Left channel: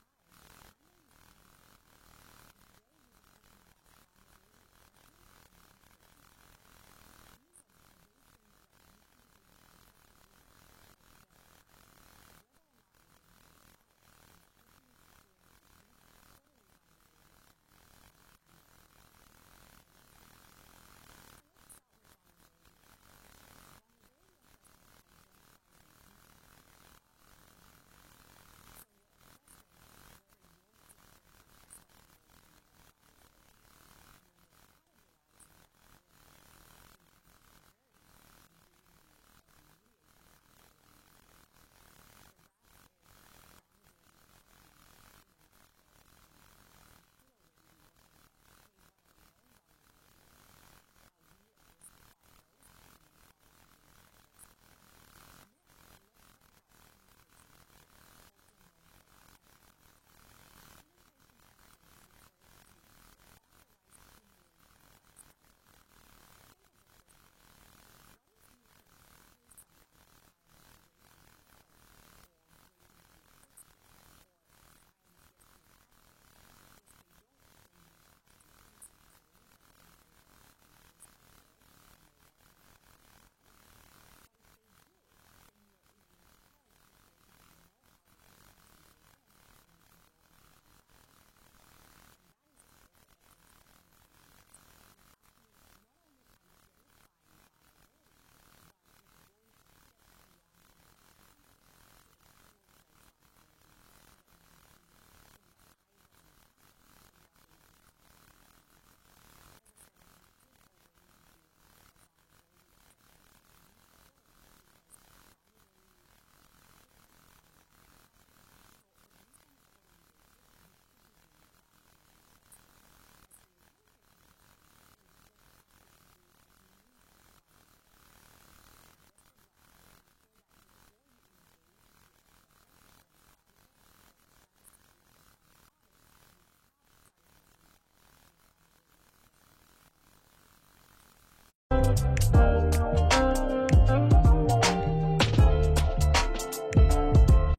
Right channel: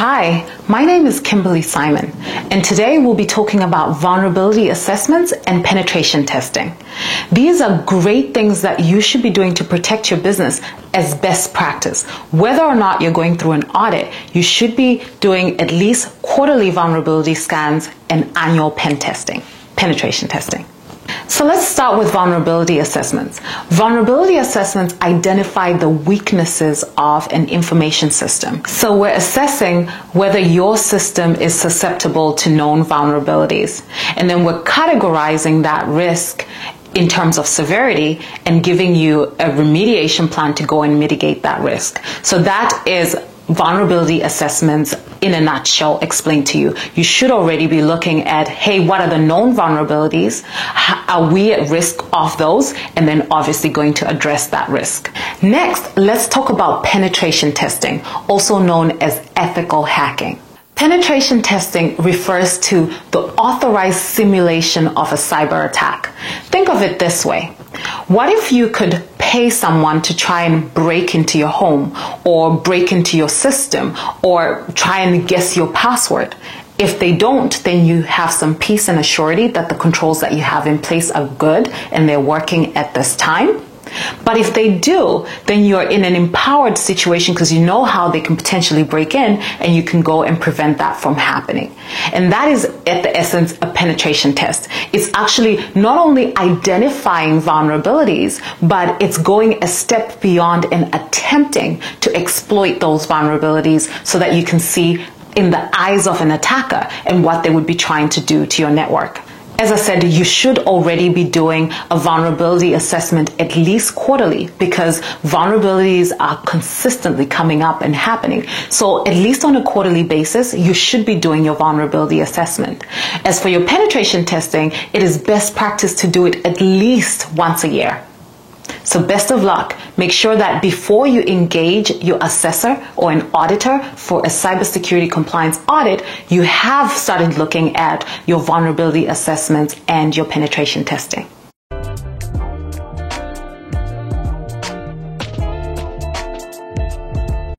Hi, my name is Kimberly Simon, and today we'll be talking about vulnerability assessments and penetration testing. These are great things that you should be doing to protect your business as best practice. Whether or not you're going through an audit, you should be doing at least quarterly vulnerability scans and annual penetration testing. So let's start with vulnerability assessments. Vulnerability assessments identify the weaknesses of an information system. So we're assessing whether your system is susceptible to known vulnerabilities. And then we're categorizing that risk in terms of severity and giving you a remediation plan to go and mitigate that risk. So that is vulnerability assessments in a nutshell explained to you. You should already be looking at, hey, what are the known vulnerabilities? Are we at risk of those? And then obviously going to address that risk. Next, let's talk about penetration testing, also known as ethical hacking. Penetration testing refers to the authorized simulation of a cyber attack. Think of it this way. What if you could pay someone to try and break into your home or break into your system or try and guess your password? If they don't, then you have some peace and assurity that the controls that you have in place are good and they're working at this time. But if they do, then you're in an empowered situation because you know how they can potentially break in and you can go and prevent that from happening. And that is at the essence a penetration test. It's actually not only identifying vulnerabilities, but it's going a step beyond and attempting to exploit those vulnerabilities so that you can see in the eyes of an attacker and what they would be trying to do to your network. As I said, you should already be doing a vulnerability assessment at least quarterly because vulnerabilities are consistently coming up and happening. So at least on a quarterly basis, you should be doing your vulnerability assessment. As for your penetration testing, it is best practice to do it at least once a year. So best of luck. Make sure that before you engage your assessor or an auditor for a cybersecurity compliance audit, you have started looking at your vulnerability assessments and your penetration testing.